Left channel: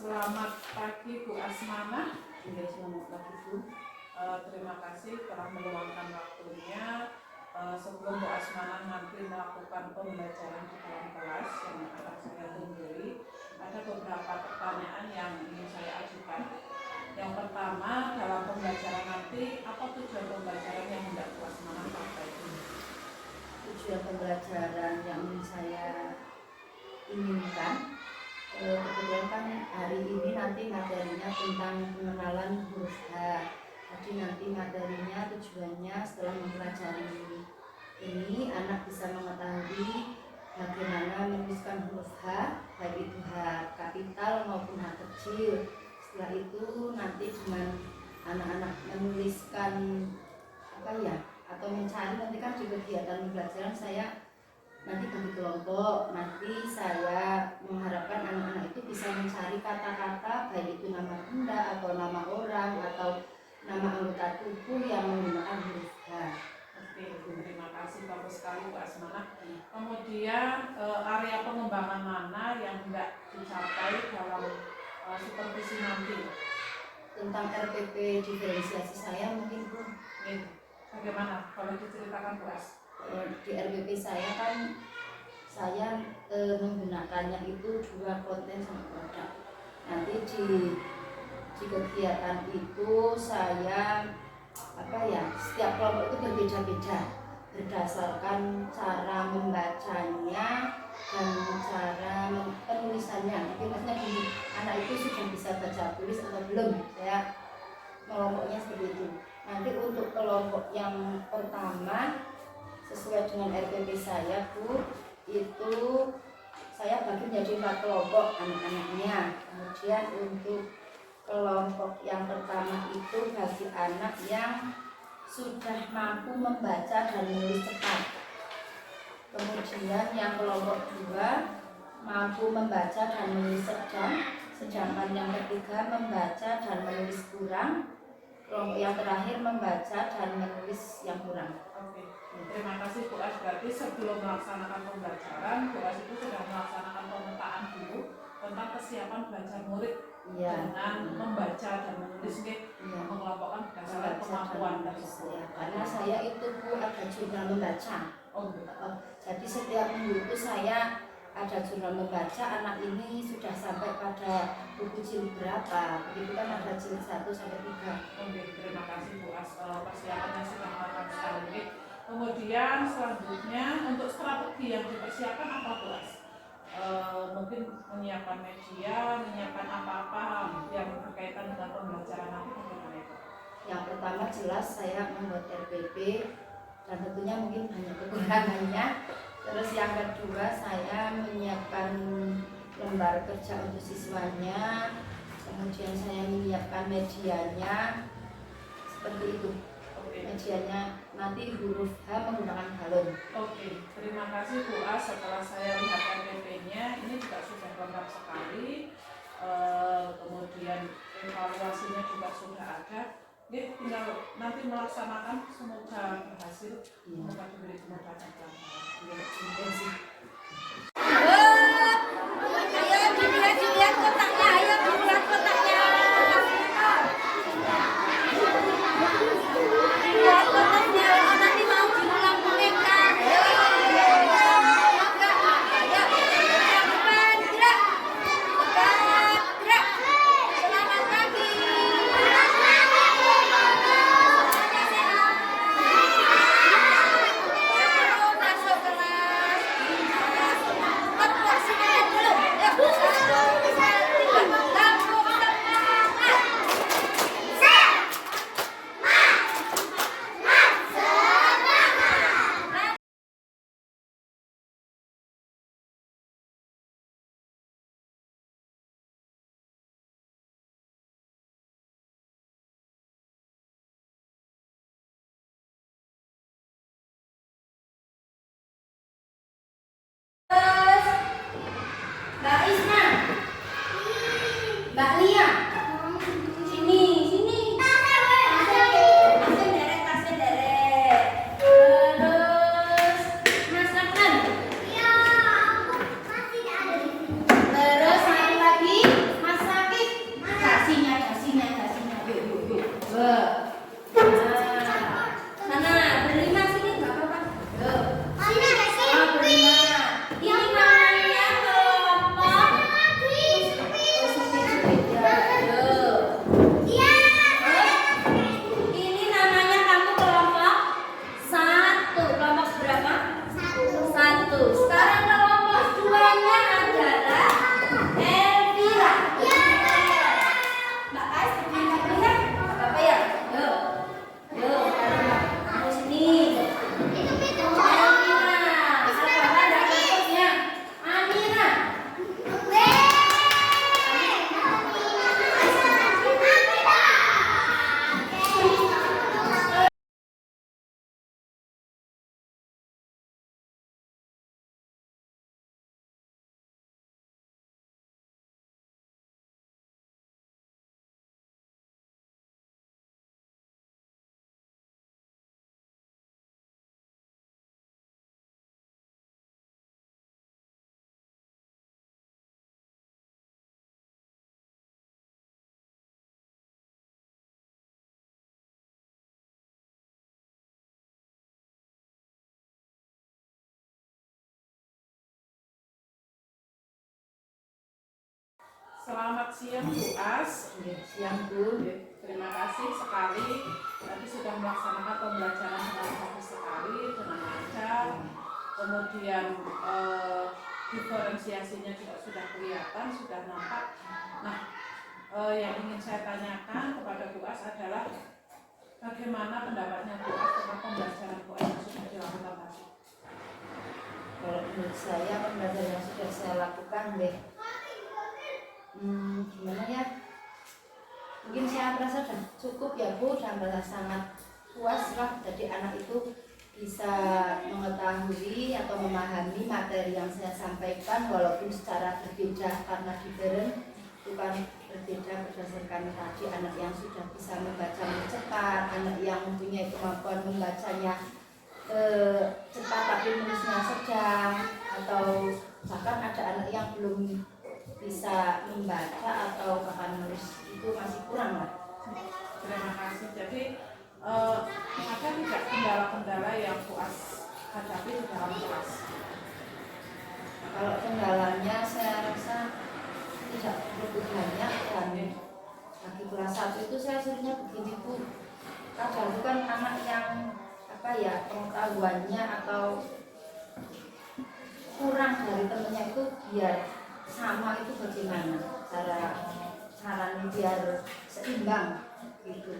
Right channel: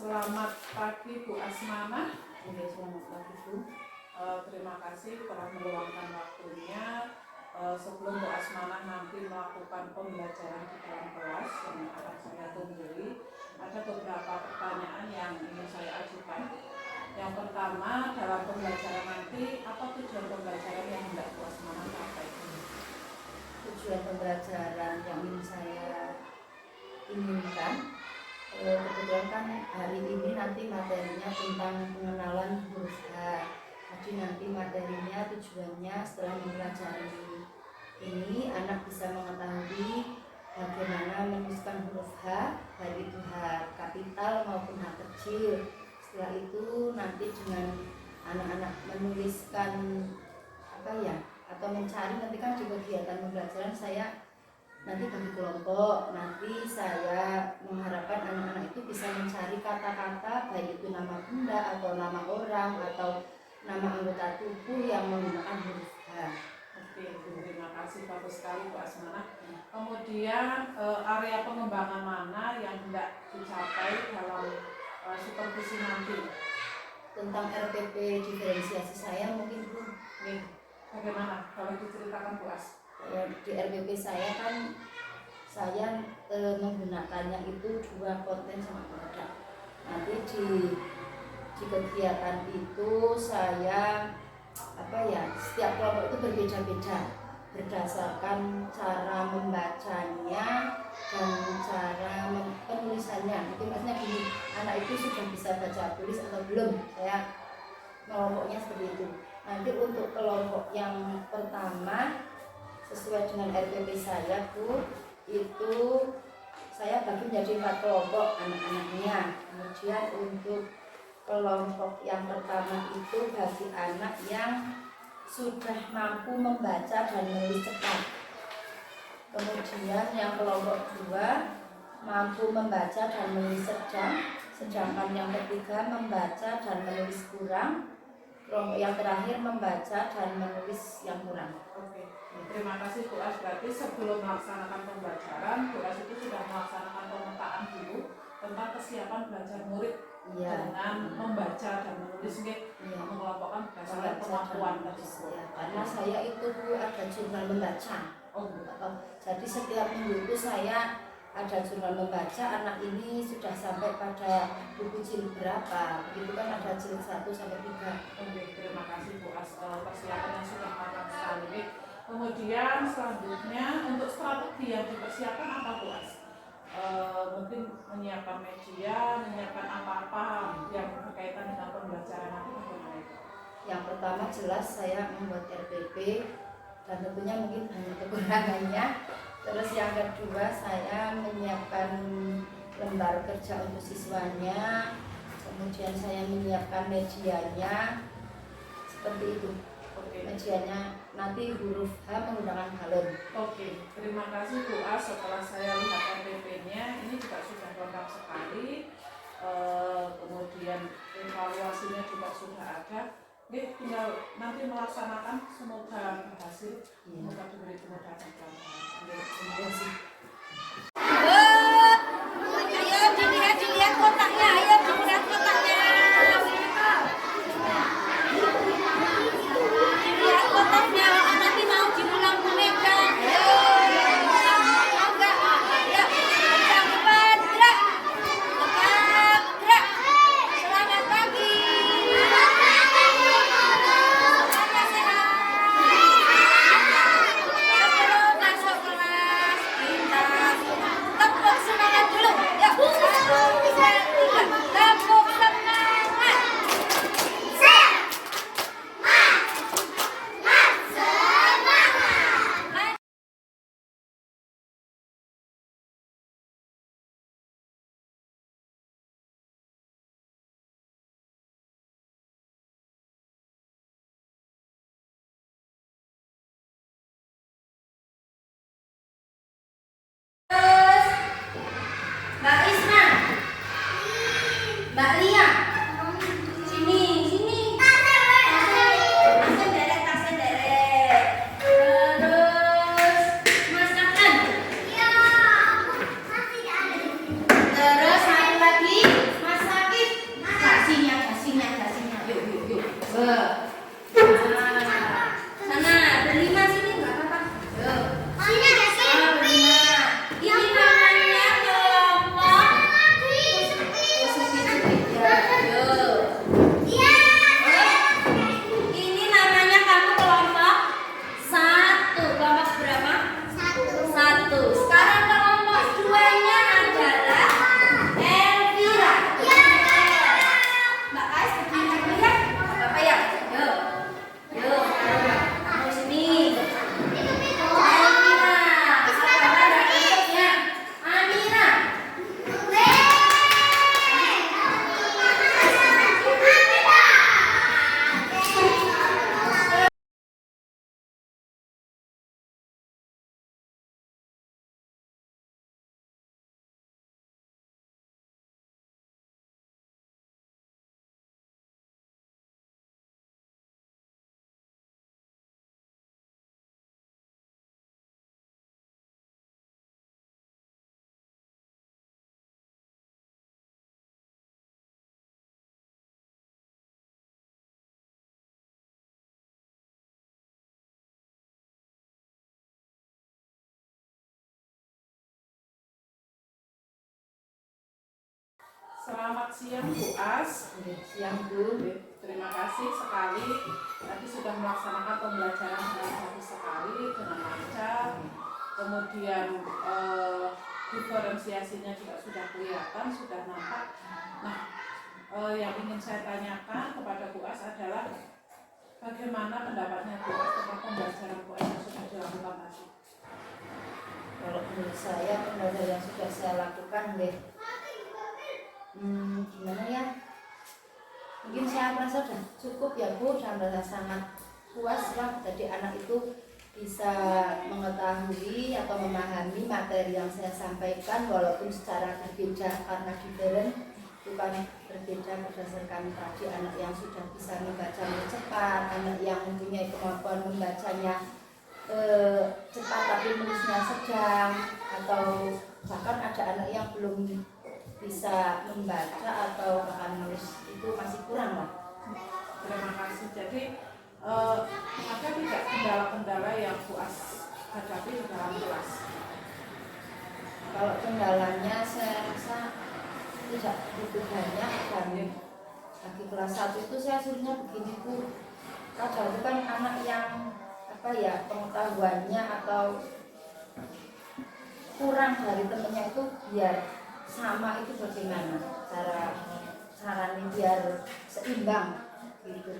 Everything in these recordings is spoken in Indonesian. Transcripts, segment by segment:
Selamat pagi Bu Asmana. Selamat pagi Bu. Terima kasih telah meluangkan waktunya. Sebelum Bu Asmana nanti melakukan pembelajaran di dalam kelas yang akan saya tunggui, ada beberapa pertanyaan yang ingin saya ajukan. Yang pertama, dalam pembelajaran nanti, apa tujuan pembelajaran yang hendak Bu Asmana sampaikan? Tujuan pembelajaran yang ingin saya inginkan, kebetulan kan hari ini nanti materinya tentang pengenalan huruf H. Jadi nanti materinya tujuannya setelah mempelajari ini anak bisa mengetahui bagaimana menuliskan huruf H, baik itu H kapital maupun H kecil. Setelah itu nanti dengan anak-anak menuliskan atau mencari, nanti kan di kegiatan pembelajaran saya nanti bagi kelompok, nanti saya mengharapkan anak-anak itu bisa mencari kata-kata baik itu nama benda atau nama orang atau nama anggota tubuh yang menggunakan huruf H. Oke, terima kasih, bagus sekali Bu Asmana. Kemudian area pengembangan mana yang hendak dicapai dalam supervisi nanti? Tentang RPP diferensiasi saya mungkin Bu. Bagaimana kalau diceritakan Bu As? Di RPP saya kan saya menggunakannya itu 2 konten sama produk. Nanti di kegiatan itu saya setiap kelompok itu berbeda-beda berdasarkan cara membacanya dan cara penulisannya. Mungkin maksudnya gini, anak itu sudah bisa baca tulis atau belum, saya kelompoknya seperti itu. Nanti untuk kelompok yang pertama sesuai dengan RPP saya Bu, itu saya bagi menjadi 4 kelompok anak-anaknya. Kemudian untuk kelompok yang pertama itu bagi anak yang sudah mampu membaca dan menulis cepat. Kemudian yang kelompok 2 mampu membaca dan menulis sedang, sedangkan yang ketiga membaca dan menulis kurang. Kelompok yang terakhir membaca dan menulis yang kurang. Oke, terima kasih Bu As. Berarti sebelum melaksanakan pembelajaran, Bu As itu sudah melaksanakan pemetaan dulu tentang kesiapan belajar murid dengan membaca dan menulis, mengelompokkan berdasarkan kemampuan tersebut. Karena saya itu Bu ada jurnal membaca. Jadi setiap minggu itu saya ada jurnal membaca, anak ini sudah sampai pada buku jilid berapa, begitu kan ada jilid 1 sampai 3. Oke, terima kasih Bu As, persiapannya sudah matang sekali. Kemudian selanjutnya untuk strategi yang dipersiapkan apa Bu As? Mungkin menyiapkan media, menyiapkan apa-apa yang berkaitan dengan pembelajaran nanti, bagaimana itu? Yang pertama jelas saya membuat RPP dan tentunya mungkin banyak kekurangannya. Terus yang kedua saya menyiapkan lembar kerja untuk siswanya, kemudian saya menyiapkan medianya seperti itu. Medianya nanti huruf H menggunakan balon. Oke, terima kasih Bu As. Setelah saya lihat RPP-nya, ini juga sudah lengkap sekali. Kemudian evaluasinya juga sudah ada. Ini tinggal nanti melaksanakan, semoga berhasil. Semoga diberi kemudahan. Terima kasih. Ayo dilihat kotaknya, ayo dilihat kotaknya. Dilihat kotaknya, nanti mau diulang boneka. Ayo, gerak. Selamat pagi. Masuk kelas. Tepuk semangat dulu. Ya, 1, 2, 3. Tepuk semangat. Terus, Mbak Isma, Mbak Lia, sini. Tasnya deret. Terus, Mas Aklan. Terus, satu lagi, Mas Saki. Selamat siang Bu As. Siang Bu. Terima kasih sekali tadi sudah melaksanakan pembelajaran hari satu sekali dengan lancar. Kemudian diferensiasinya juga sudah kelihatan, sudah nampak. Nah, yang ingin saya tanyakan kepada Bu As adalah bagaimana pendapatnya Bu As tentang pembelajaran Bu As yang sudah dilakukan tadi? Kalau menurut saya pembelajaran yang sudah saya lakukan gimana ya, mungkin saya merasa sudah cukup ya Bu, dan merasa sangat puas lah. Jadi anak itu bisa mengetahui atau memahami materi yang saya sampaikan walaupun secara berbeda, karena different bukan berbeda berdasarkan tadi anak yang sudah bisa membaca cepat, anak yang mempunyai kemampuan membacanya cepat tapi menulisnya sedang, atau bahkan ada anak yang belum bisa membaca atau bahkan menulis itu masih kurang lah. Terima kasih. Jadi ada tidak kendala-kendala yang Bu As hadapi di dalam kelas? Kalau kendalanya saya rasa tidak begitu banyak, dan bagi kelas 1 itu saya suruhnya begini Bu, kadang itu kan anak yang pengetahuannya atau kurang dari temennya itu, biar sama itu bagaimana caranya biar seimbang gitu.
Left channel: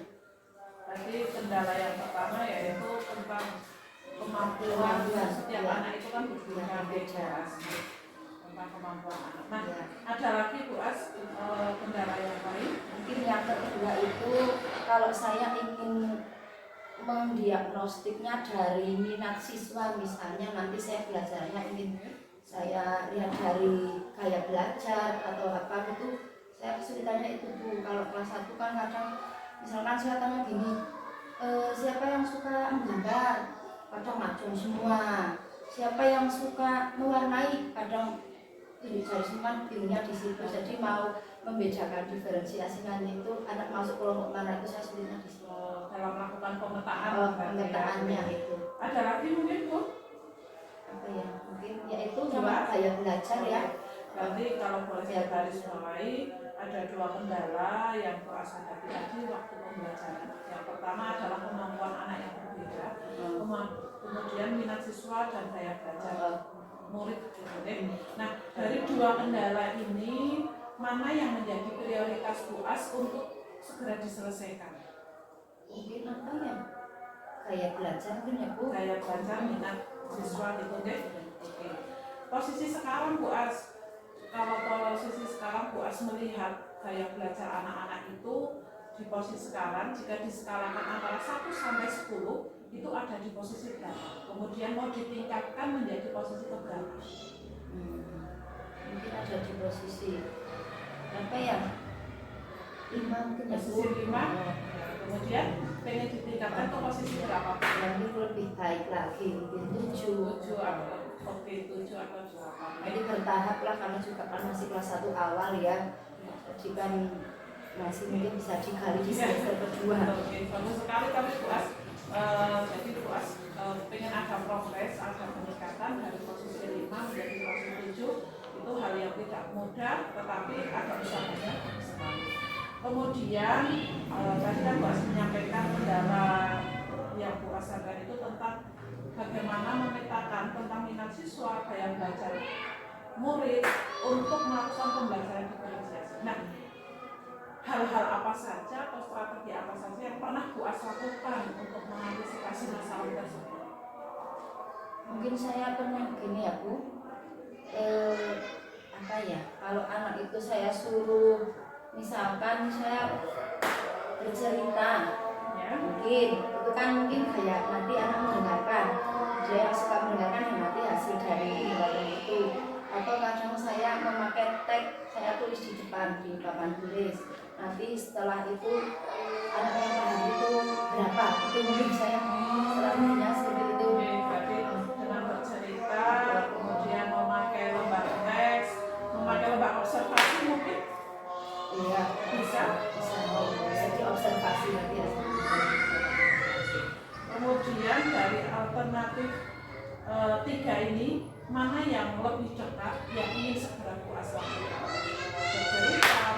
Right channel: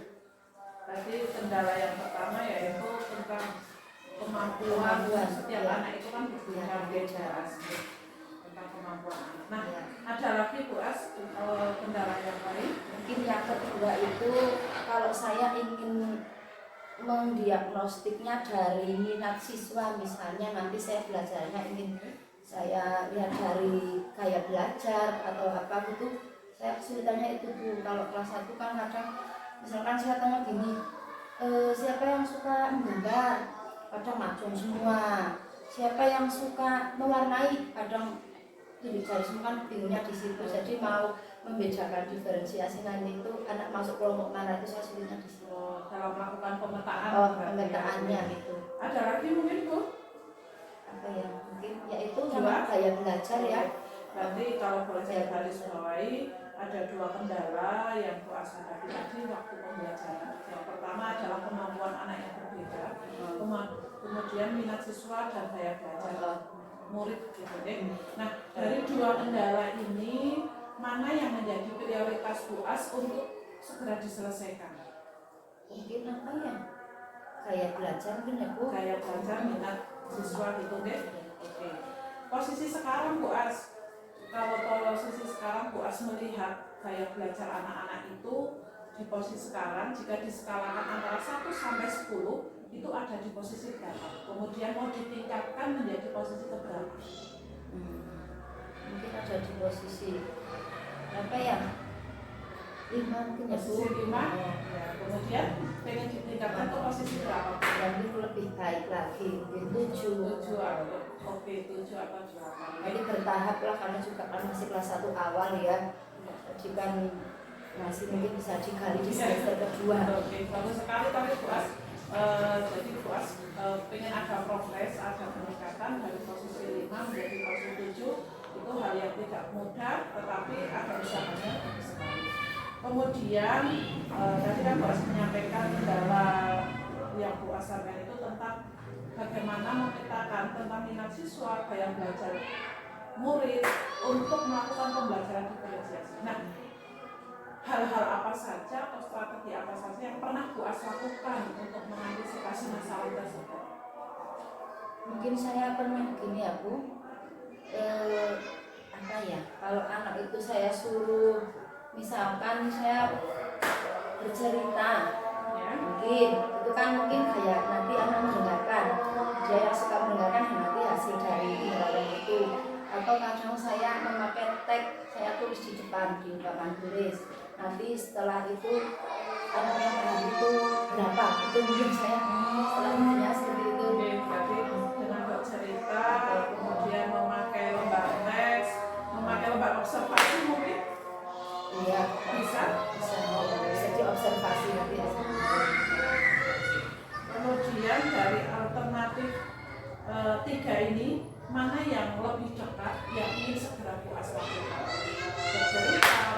Tadi kendala yang pertama yaitu tentang kemampuan setiap anak itu kan berbeda tentang kemampuan anak. Nah, ada lagi Bu As kendala yang lain? Mungkin yang kedua itu kalau saya ingin mendiagnostiknya dari minat siswa, misalnya nanti saya belajarnya ingin saya lihat dari gaya belajar atau apa gitu, saya kesulitannya itu Bu. Kalau kelas 1 kan kadang misalkan saya tanya gini, siapa yang suka menggambar, kadang macam semua. Siapa yang suka mewarnai, kadang ini dari semua bingungnya di situ. Jadi mau membedakan diferensiasi nanti itu anak masuk kelompok mana itu saya sulitnya di situ. Dalam melakukan pemetaan. Pemetaannya itu. Ada lagi mungkin Bu? Apa ya? Mungkin yaitu juga gaya belajar ya. Berarti kalau boleh saya garis bawahi, ada dua kendala yang Bu As hadapi tadi waktu pembelajaran. Yang pertama adalah kemampuan anak yang berbeda, kemudian minat siswa dan gaya belajar murid gitu. Nah, dari dua kendala ini mana yang menjadi prioritas Bu As untuk segera diselesaikan? Mungkin apa ya? Gaya belajar mungkin ya Bu. Gaya belajar minat siswa gitu deh. Oke. Posisi sekarang Bu As, kalau posisi sekarang Bu As melihat gaya belajar anak-anak itu di posisi sekarang, jika diskalakan antara 1 sampai 10 itu ada di posisi berapa? Kemudian mau ditingkatkan menjadi posisi keberapa? Mungkin ada di posisi apa ya? 5 mungkin ya Bu. Posisi 5. Ya, kemudian pengen ditingkatkan ke posisi berapa? Yang itu lebih baik lagi, mungkin 7 atau oke 7 atau 8. Jadi bertahap lah, karena juga kan masih kelas 1 awal ya. Jadi kan masih mungkin bisa digali di semester kedua. Oke, bagus sekali tapi Bu As. Jadi Bu As pengen ada progres, ada peningkatan dari posisi 5 menjadi posisi 7. Itu hal yang tidak mudah, tetapi ada usahanya sekali. Kemudian tadi kan Bu As menyampaikan kendala yang Bu As sadar itu tentang bagaimana memetakan tentang minat siswa, gaya belajar murid untuk melakukan pembelajaran diferensiasi. Nah, hal-hal apa saja atau strategi apa saja yang pernah Bu As lakukan untuk mengantisipasi masalah tersebut? Mungkin saya pernah gini ya Bu, kalau anak itu saya suruh, misalkan saya bercerita ya, mungkin itu kan mungkin kayak nanti anak mendengarkan, dia yang suka mendengarkan dan nanti hasil dari pendengaran itu. Atau kadang saya memakai tag, saya tulis di depan di papan tulis, nanti setelah itu anak yang paham itu berapa, itu mungkin saya strateginya seperti itu. Berarti dengan bercerita, kemudian memakai lembar teks, memakai lembar observasi mungkin? Iya, bisa diobservasi nanti ya. Kemudian dari alternatif 3 ini mana yang lebih cepat yang ingin segera Bu As lakukan? Bercerita,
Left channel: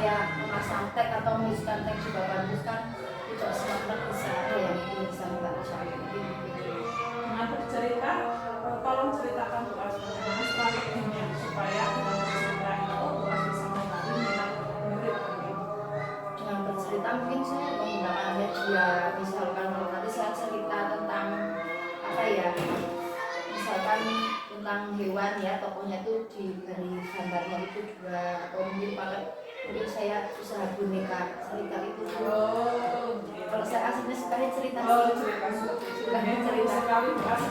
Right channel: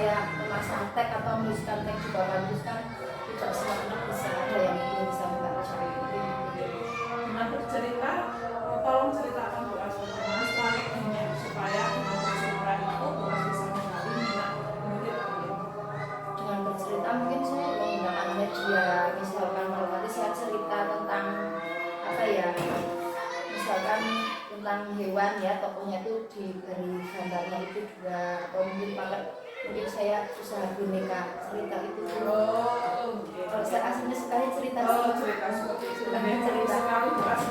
saya memasang tag atau menuliskan tag juga bagus kan, tidak semua anak bisa ada yang belum bisa membaca. Dengan bercerita, tolong ceritakan Bu As bagaimana strateginya supaya dengan bercerita itu Bu As bisa menggali minat murid. Dengan bercerita mungkin saya menggunakan media, misalkan kalau nanti saya cerita tentang apa ya, misalkan tentang hewan ya, tokohnya itu diberi gambarnya itu dua, atau mungkin saya usaha boneka cerita itu. Kalau saya aslinya sekali cerita Cerita seperti itu. Cerita sekali Bu As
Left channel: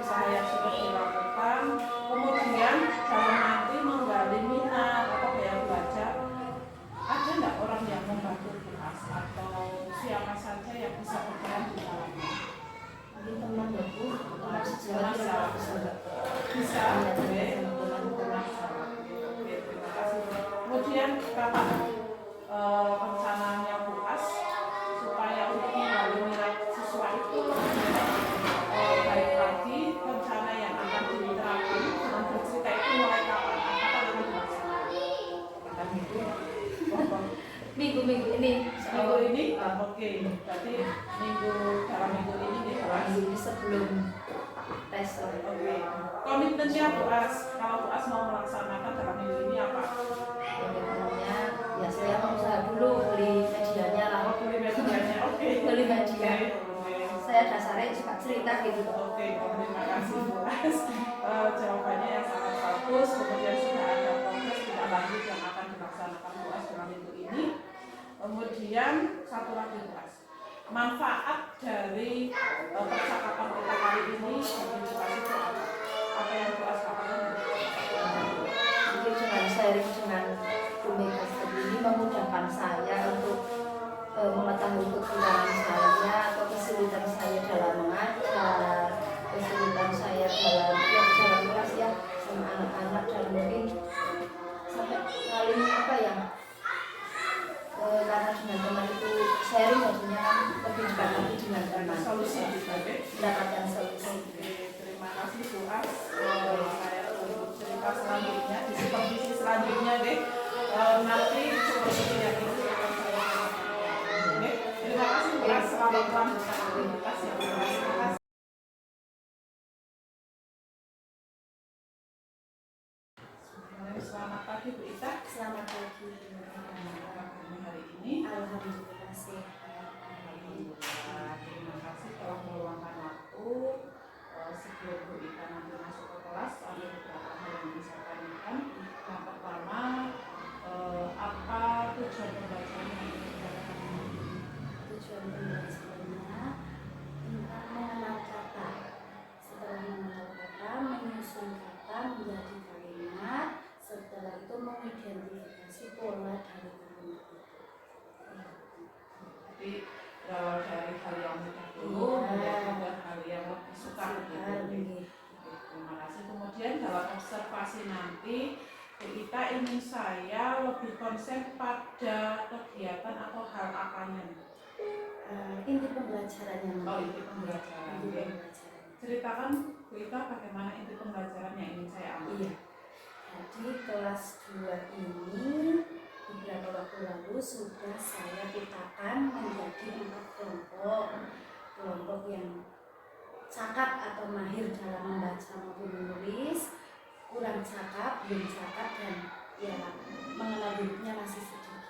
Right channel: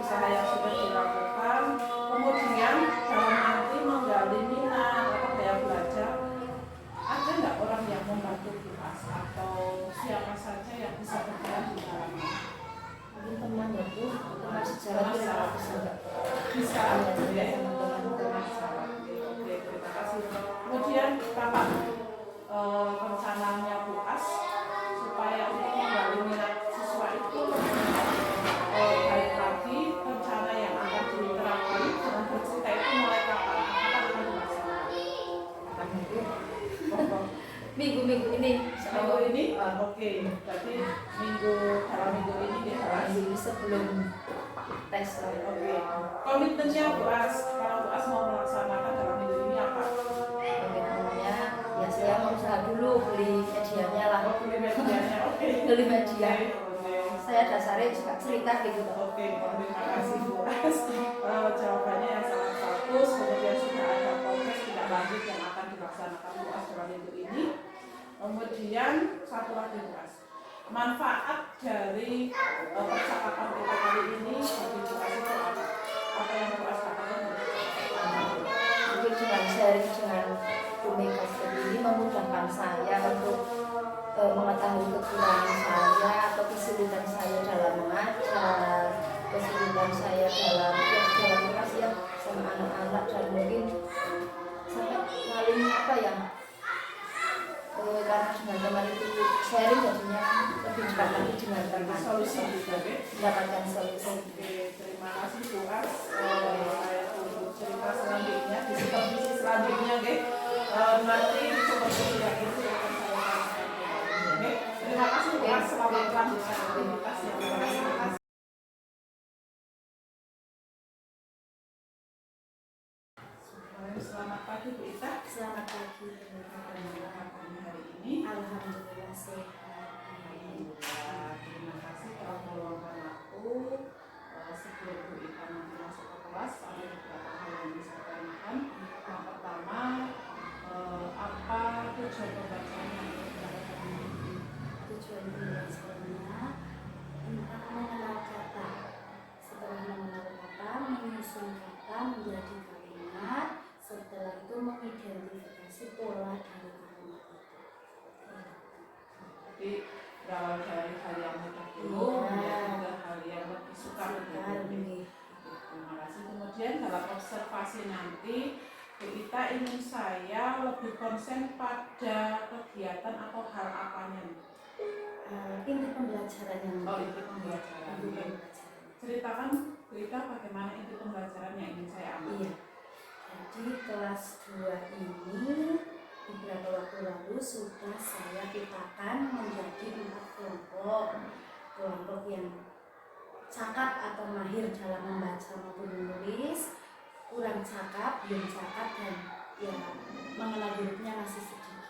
usaha yang sudah dilakukan. Kemudian dalam nanti menggali minat atau daya belajar, ada nggak orang yang membantu Bu As atau siapa saja yang bisa berperan di dalamnya? mungkin teman baku, teman sejarah Bisa, ya, teman-teman sahabat. Oke, terima kasih. Kemudian kapan rencananya Bu As supaya untuk menggali minat siswa itu baik lagi, rencana yang akan diterapkan dengan bercerita itu mulai kapan? Kapan akan dilaksanakan? akan itu Oh, minggu-minggu ini. minggu ini? Oke, berarti dalam minggu ini ya Bu As. Minggu ini sebelum tes. Oke, komitmennya Bu As, kalau Bu As mau melaksanakan dalam minggu ini apa? Bagaimana ya, saya mau usaha dulu beli medianya lah. Beli medianya, oke. Beli media. Oke. Saya dasarnya juga cerita gitu. Oke, terima kasih Bu As. Jawabannya yang sangat bagus. Kemudian sudah ada progres tidak lanjut yang akan dilaksanakan Bu As dalam minggu ini. Kemudian satu lagi Bu As, manfaat dari percakapan kita kali ini bagi Bu As itu apa? Apa yang Bu As katakan? Mungkin dengan sharing dengan Bu Mega seperti ini memudahkan saya untuk mengetahui kekurangan saya atau kesulitan saya dalam mengajar, kesulitan saya dalam kelas ya sama anak-anak, dan mungkin sampai paling apa ya, karena dengan teman itu sharing jadinya lebih dekat lagi dengan teman, Solusi juga, mendapatkan solusi. Oke, terima kasih Bu As. Saya tunggu cerita selanjutnya di supervisi selanjutnya, deh. Nanti supervisi yang itu akan saya sampaikan. Oke, terima kasih Bu As. Selamat melanjutkan aktivitas yang terima kasih. Selamat pagi Bu Ita. Selamat pagi. Hari ini. Alhamdulillah sehat. Alhamdulillah. Terima kasih telah meluangkan waktu. Sebelum Bu Ita nanti masuk ke kelas, ada beberapa hal yang bisa saya tanyakan. Yang pertama, apa tujuan pembelajaran yang dilakukan? Tujuan pembelajarannya tentang mengenal kata. Setelah mengenal kata, menyusun kata menjadi kalimat. Setelah itu mengidentifikasi pola dari kalimat itu. Jadi berawal dari hal yang mudah dulu menjadi juga hal yang lebih sukar gitu. Terima kasih. Kemudian dalam observasi nanti kita ingin saya lebih konsen pada kegiatan atau hal apanya? Inti pembelajarannya. Oh, inti pembelajaran. Ceritakan cerita bagaimana inti pembelajaran yang ingin saya ambil. Iya. Jadi kelas 2 ini beberapa waktu lalu sudah saya petakan menjadi 4 kelompok. Kelompok yang cakap atau mahir dalam membaca maupun menulis, kurang cakap, belum cakap, dan ya mengenal hurufnya masih sedikit.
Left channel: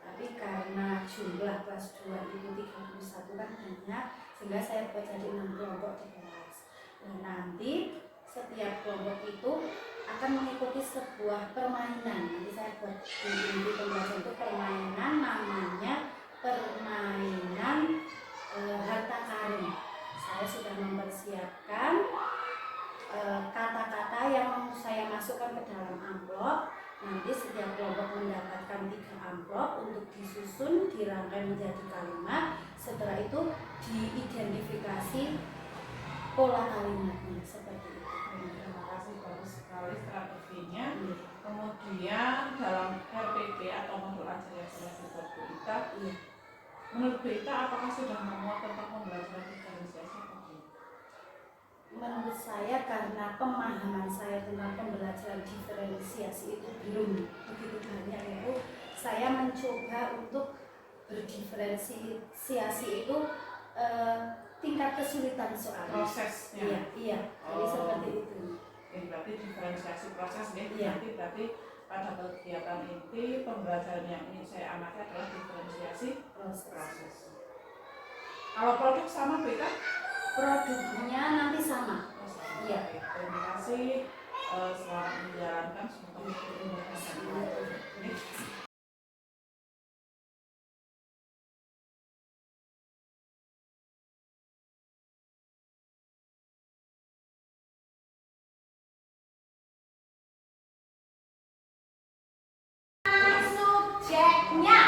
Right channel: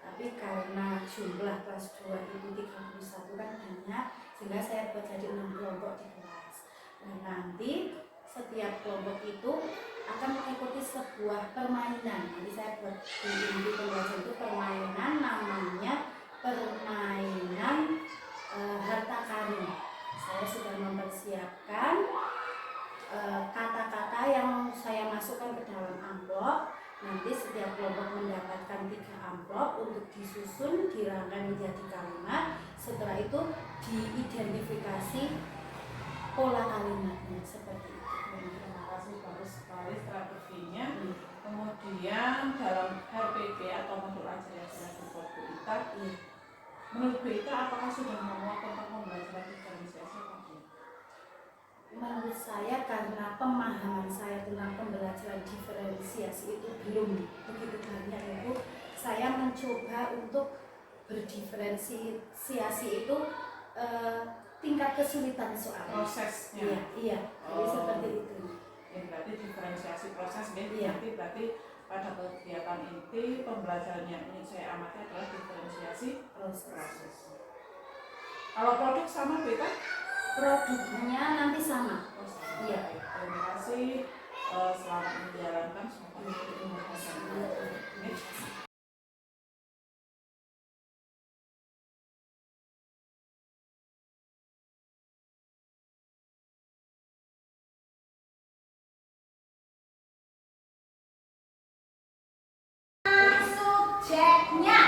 Tapi karena jumlah kelas 2 itu 31 kan banyak, sehingga saya buat jadi 6 kelompok di kelas. Nah, nanti setiap kelompok itu akan mengikuti sebuah permainan. Jadi saya buat di inti pembelajaran itu permainan, namanya permainan harta karun. Saya sudah mempersiapkan kata-kata yang saya masukkan ke dalam amplop. Nanti setiap kelompok mendapatkan 3 amplop untuk disusun, dirangkai menjadi kalimat. Setelah itu diidentifikasi pola kalimatnya seperti itu. Terima kasih, bagus sekali strateginya. Kemudian dalam RPP atau modul ajar yang sudah dibuat Bu Ita, menurut Bu Ita apakah sudah memuat tentang pembelajaran diferensiasi atau belum? Menurut saya karena pemahaman saya tentang pembelajaran diferensiasi itu belum begitu banyak, itu saya mencoba untuk berdiferensiasi itu tingkat kesulitan soalnya. Prosesnya. Iya, iya. Jadi seperti itu. Ya, berarti diferensiasi proses ya. Iya. Nanti berarti pada kegiatan inti pembelajaran yang ingin saya amati adalah diferensiasi proses. Kalau produk sama Bu Ita? Produknya nanti sama. Oh, sama. Iya. Baik, terima kasih. Selamat menjalankan, semoga dimudahkan. Oke. Subjeknya.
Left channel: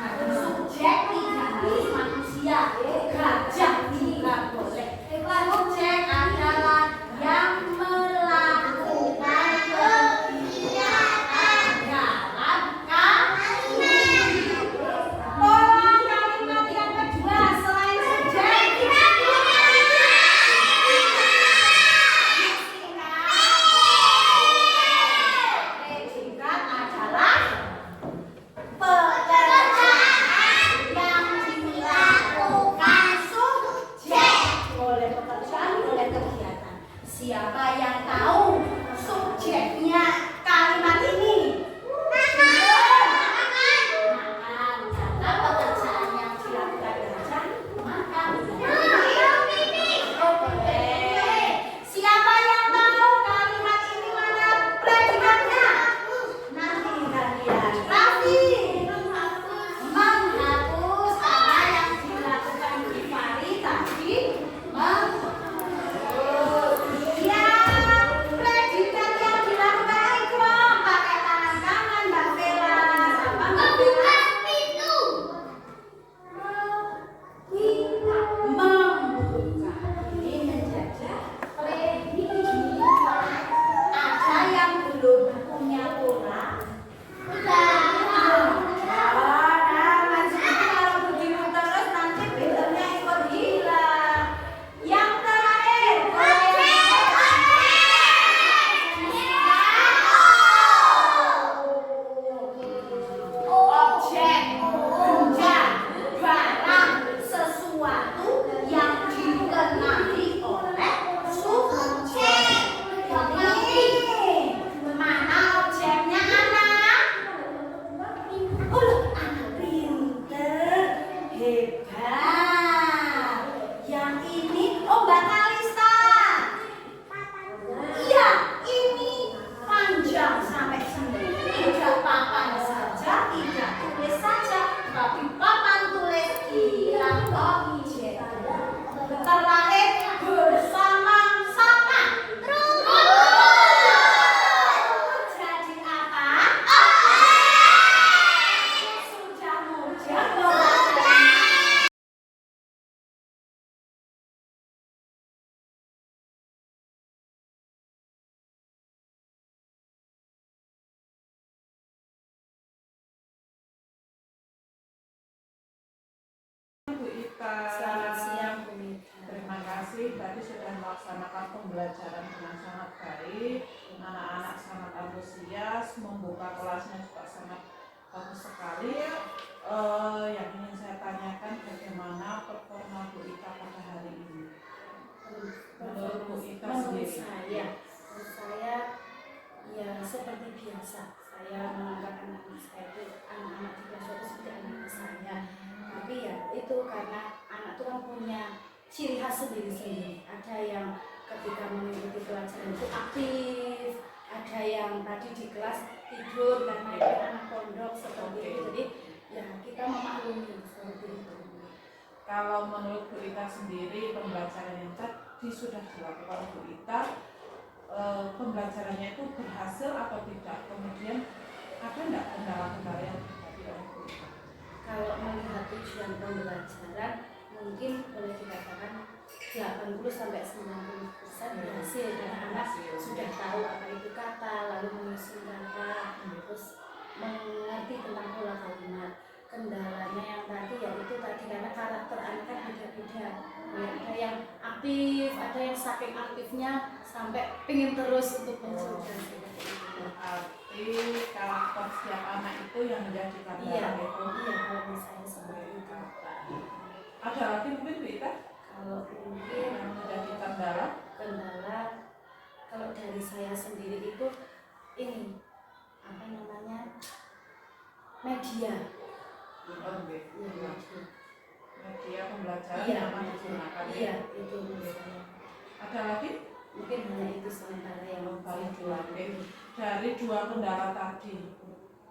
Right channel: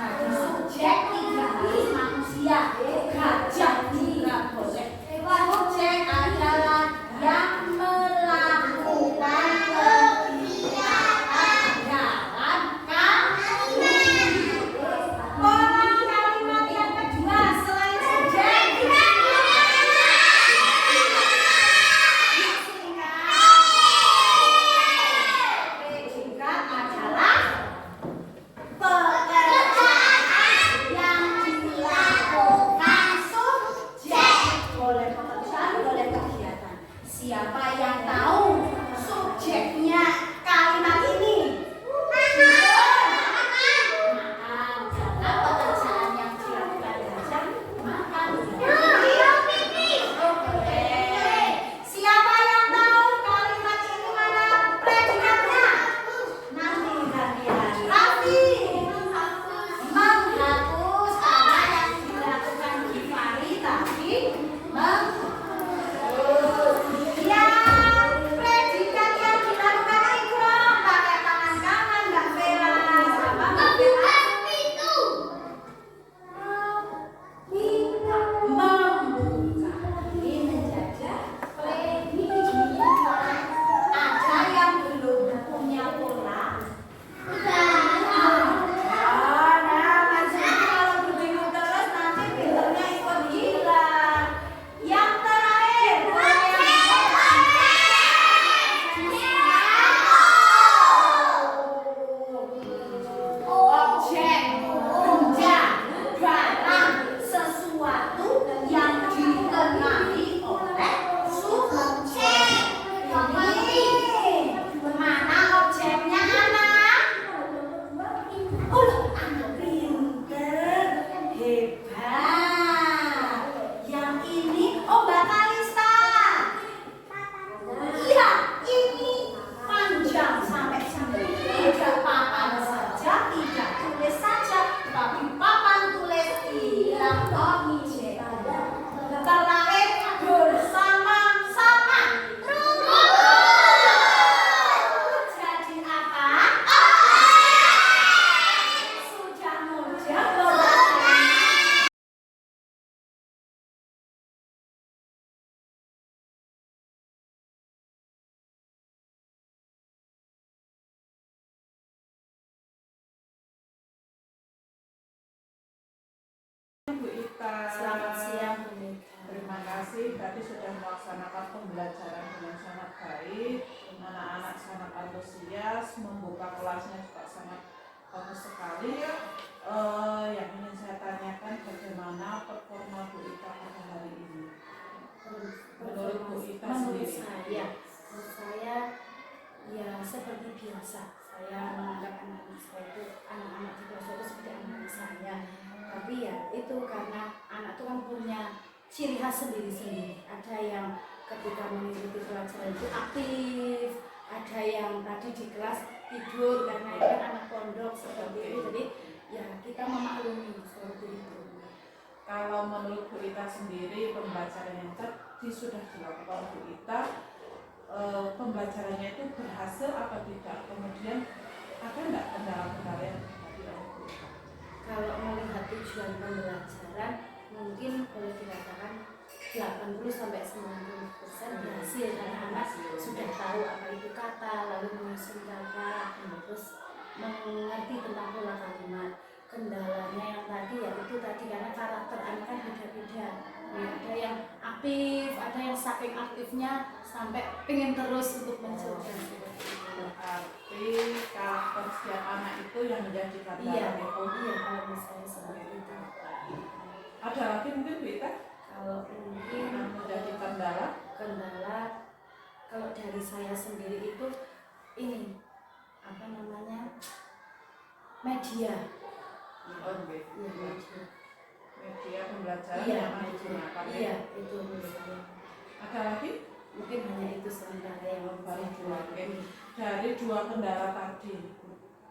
Nah, subjek tidak manusia, gajah tidak boleh. Subjek adalah yang melakukan kegiatan dalam pola kalimat yang kedua selain subjek. Predikat adalah pekerjaan yang dilakukan subjek. Boleh pekerjaan, boleh kegiatan. Siapa yang tahu subjeknya kalimat ini? Nah, karena pekerjaan yang dilakukan gajah, maka oh, boleh. Siapa yang tahu kalimat ini mana predikatnya? Nanti kalian Raffi menghapus apa yang dilakukan Gifari tadi ya predikat yang dilakukan Ikram pakai tangan kanan Mbak Vera apa Mbak Vera itu membuka ini menjadi predikat. Ada yang belum punya pola? Nah, maksudnya kalau begitu terus nanti pinternya ikut hilang. Yang terakhir, objek, benda, barang, sesuatu yang dikenali oleh subjek. Ini mana objeknya anak? Oh, anak pinter, hebat. Yang ini, oh Mbak Kalista. Iya, ini panjang sampai sini. Tidak papan saja, tidak tulis saja, tapi papan tulis hilang objek. Terlahir bersama siapa? Jadi apa? Sudah mudah boleh. Bu Ita. Selamat siang, Bu Nika. Terima kasih, tadi sudah melaksanakan pembelajaran dengan sangat baik. Anak-anak sangat antusias, membuka kelasnya juga sangat bagus sekali ya. Yang ingin saya tanyakan bagaimana performa Bu Ita pada hari ini? Menurut Bu Ita Menurut sendiri. saya ya seperti biasa. Saya menganggap anak-anak saya itu anak-anak di kelas itu seperti anak-anak saya. Tapi ya itu karena anak itu kan punya ciri khas sendiri-sendiri. Ada yang ketika mengikuti pelajaran itu aktif, ada yang tadi di kelas tidur karena itu anak pondok seperti itu. Jadi ya kita memaklumi seperti itu. Kalau menurut Bu Ita sendiri, pembelajaran yang tadi sudah dilakukan Bu Ita, pembelajarannya itu berhasil atau tidak? Kemudian ada enggak kendala-kendala yang terjadi oleh Bu Ita? Kalau melihat tujuan pembelajaran mungkin boleh dikatakan 80 sampai 90% berhasil karena anak sudah tahu apa itu kata, lalu menyusun kata, terus mengerti tentang pola kalimat. Kendalanya yang tadi ya itu tadi karena karakter anak kan beda-beda. Ya, ada yang aktif, ada yang saking aktifnya sampai pengen terus untuk mencoba. Berarti karakter setiap anak itu yang menjadikan Iya, dalam itu. iya kalau misalnya seperti itu. Ada lagi mungkin Bu Ita Kalau mungkin yang menjadi kendala? kendala kalau dari saya sendiri itu ini apa namanya media. Oh, oke. Iya, media. Media pembelajaran Iya, yang akan media. digunakan. Iya, itu menurut saya. Ada lagi? Mungkin hanya itu sementara yang Baru saya dua. jual. Oke. Dari dua kendala tadi,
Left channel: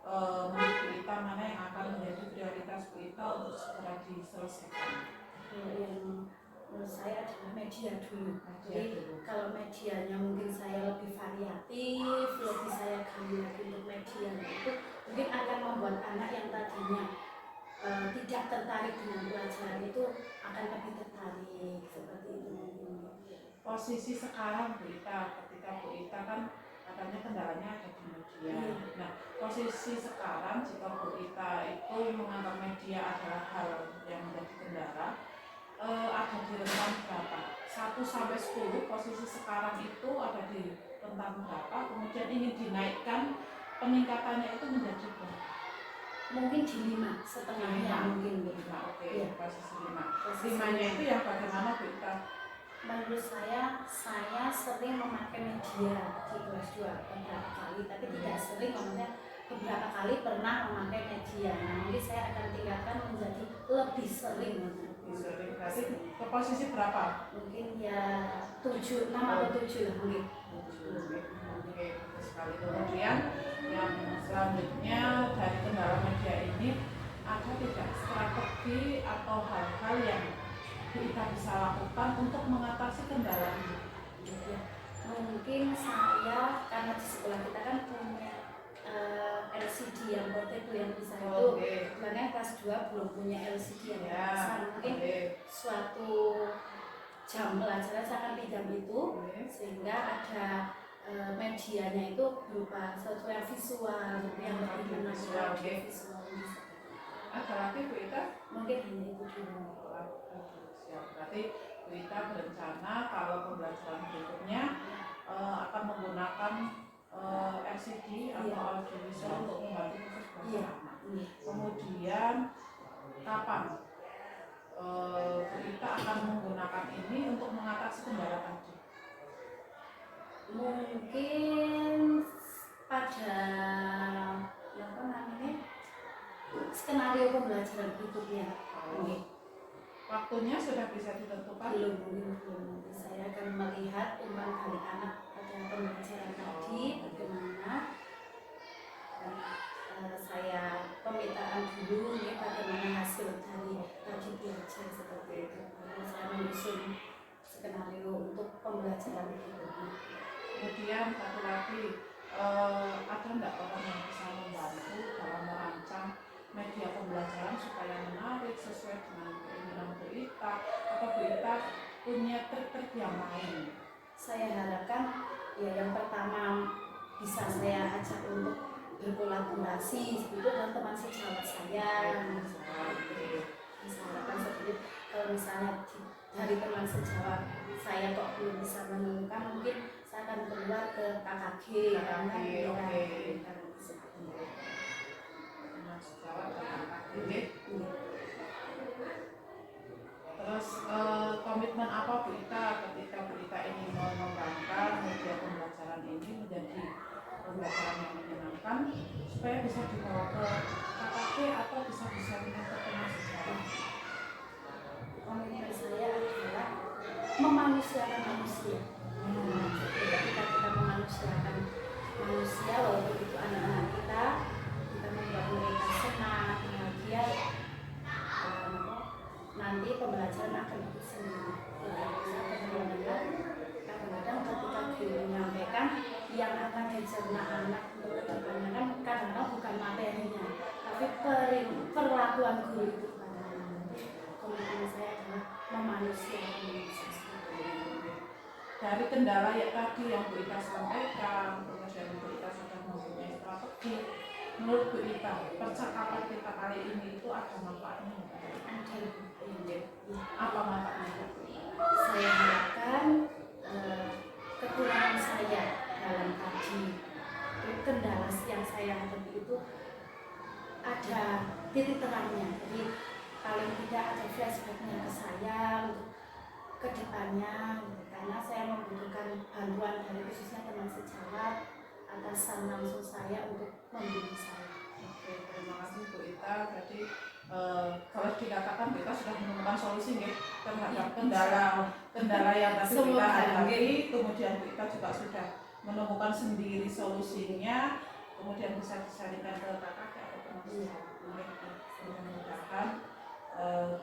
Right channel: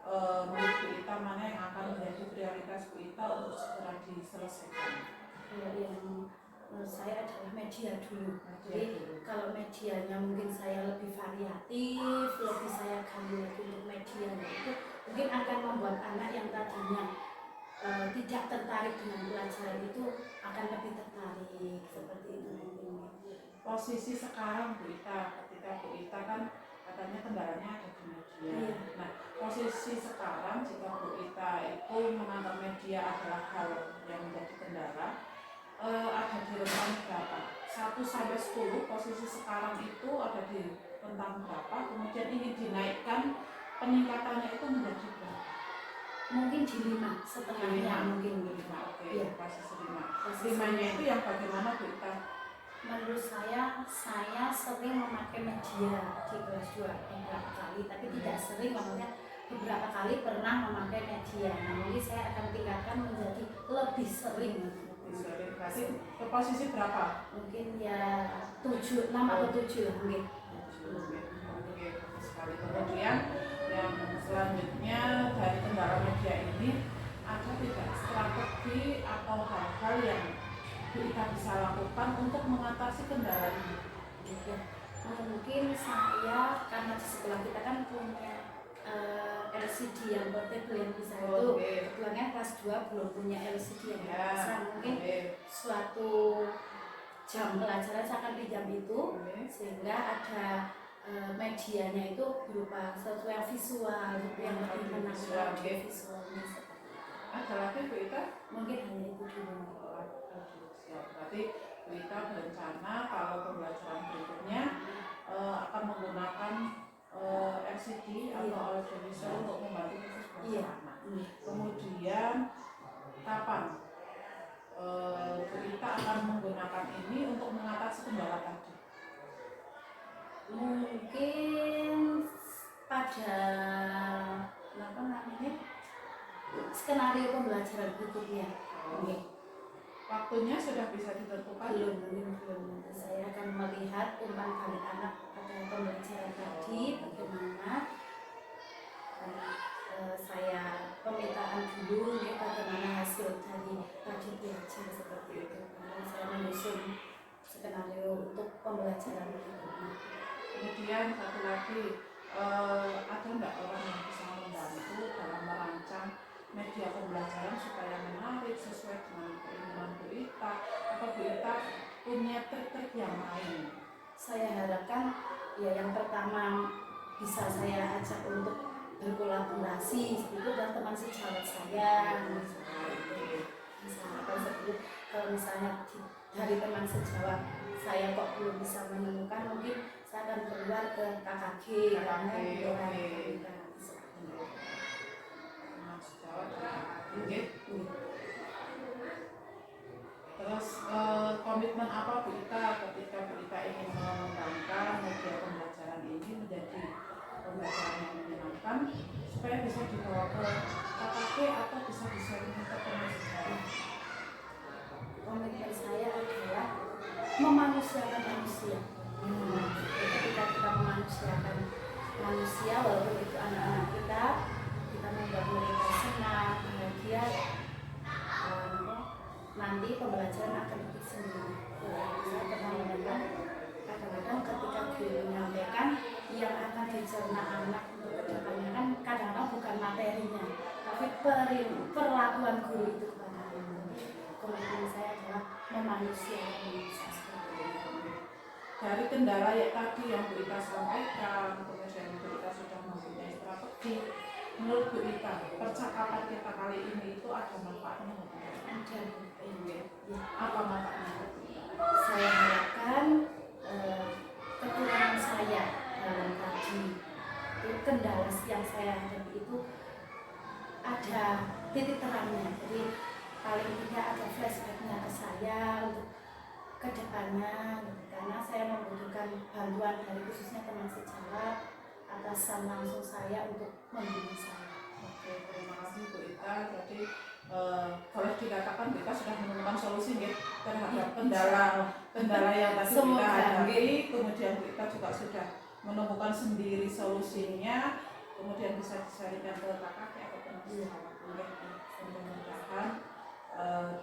menurut Bu Ita mana yang akan menjadi prioritas Bu Ita untuk segera diselesaikan? Kalau yang menurut saya adalah media dulu. Media Jadi dulu. kalau medianya mungkin saya lebih variatif, lebih saya gali lagi untuk medianya itu mungkin akan membuat anak yang tadinya tidak tertarik dengan pelajaran itu akan lebih tertarik seperti itu mungkin. Posisi sekarang Bu Ita, ketika Bu Ita kan katanya kendalanya ada di media. Iya. Nah, posisi sekarang jika Bu Ita itu menganggap media adalah hal yang menjadi kendala, ada di rentang berapa? 1 sampai 10 posisi sekarang itu ada di rentang berapa? Kemudian ingin dinaikkan peningkatannya itu menjadi berapa? Mungkin di 5 setengahnya mungkin gitu. 5, oke. Iya. Posisi 5. Posisi 5-nya itu yang bagaimana Bu Ita? menurut saya sering memakai media di kelas 2 beberapa kali, tapi tidak sering, maksudnya beberapa kali pernah memakai media. Nah, mungkin saya akan tingkatkan menjadi lebih sering. Sering. Berarti ke posisi berapa? Mungkin ya 7, 6 atau 7 lah mungkin. Oke, bagus sekali. Kemudian yang selanjutnya dari kendala media ini ada tidak strategi atau hal-hal yang kita bisa lakukan untuk mengatasi kendala ini? Ya, mungkin saya karena di sekolah kita kan punya LCD yang portable yang bisa itu. Kebetulan kelas 2 belum punya LCD yang besar. Mungkin suatu jam pelajaran saya akan pinjam itu sehingga ada medianya itu berupa sesuatu yang visual, yang lebih menangkap visual. Ada lagi Bu Ita? Mungkin hanya itu dulu. Siap. Berarti Bu Ita berencana kalau pembelajaran berikutnya akan menggunakan LCD atau audiovisual untuk membantu proses belajar anak. Kemudian kapan Bu Ita akan menggunakan ini untuk mengatasi kendala tadi? Mungkin pada apa namanya skenario pembelajaran berikutnya. Waktunya sudah bisa ditentukan? Belum. Nanti saya akan melihat umpan balik anak pada pembelajaran tadi bagaimana. Saya pemetaan dulu ini bagaimana hasil dari tadi belajar seperti itu. Lalu saya menyusun skenario untuk pembelajaran berikutnya. Kemudian satu lagi, ada enggak orang yang bisa membantu dalam merancang media pembelajaran supaya menarik sesuai dengan keinginan Bu Ita, atau Bu Ita punya trik-trik yang lain? Saya harapkan ya yang pertama bisa saya ajak untuk berkolaborasi itu dengan teman sejawat saya. Misalkan seperti kalau misalnya dari teman sejawat saya kok belum bisa menemukan, mungkin saya akan keluar ke KKG. Terus komitmen apa Bu Ita ketika Bu Ita ingin mengembangkan media pembelajaran ini menjadi pembelajaran yang menyenangkan supaya bisa dibawa ke KKG atau bisa disampaikan ke teman sejawat? Komitmen saya adalah memanusiakan manusia. Ketika kita memanusiakan manusia, walaupun itu anak-anak kita membuat mereka senang, bahagia, nanti pembelajaran akan lebih senang. Kadang-kadang ketika guru menyampaikan yang akan dicerna anak kedepannya kan kadang-kadang bukan materinya, tapi perlakuan guru itu kepada anak. Komitmen saya adalah memanusiakan manusia. Dari kendala ya tadi yang Bu Ita sampaikan, kemudian Bu Ita sudah mempunyai strategi menurut Bu Ita, percakapan kita kali ini itu ada manfaatnya nggak? Iya. Apa manfaatnya Bu Ita? Saya harapkan kekurangan saya dalam kaji, kendala yang saya hadapi itu ada titik terangnya. Jadi paling tidak ada flashbacknya ke saya untuk kedepannya, karena saya membutuhkan bantuan dari khususnya teman sejawat atasan langsung saya untuk membimbing saya. Oke, terima kasih Bu Ita. Jadi kalau dikatakan kita sudah menemukan solusi nggih terhadap kendala yang tadi kita hadapi, kemudian Bu Ita juga sudah menemukan sendiri solusinya, kemudian bisa disarikan ke kakak atau teman sejawat. Mudah-mudahan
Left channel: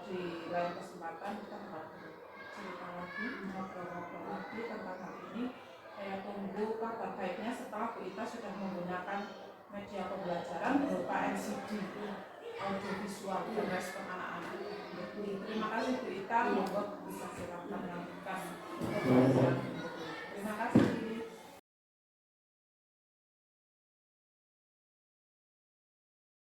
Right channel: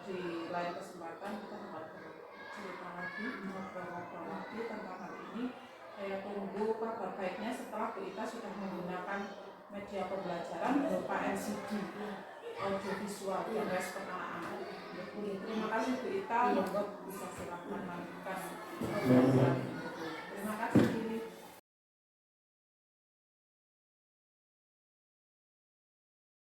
di lain kesempatan kita dapat cerita lagi, ngobrol-ngobrol lagi tentang hal ini. Saya tunggu kabar baiknya setelah Bu Ita sudah menggunakan media pembelajaran berupa LCD, audiovisual dan respon anak-anak. Terima kasih Bu Ita, monggo bisa silakan lanjutkan pembelajaran. Terima kasih.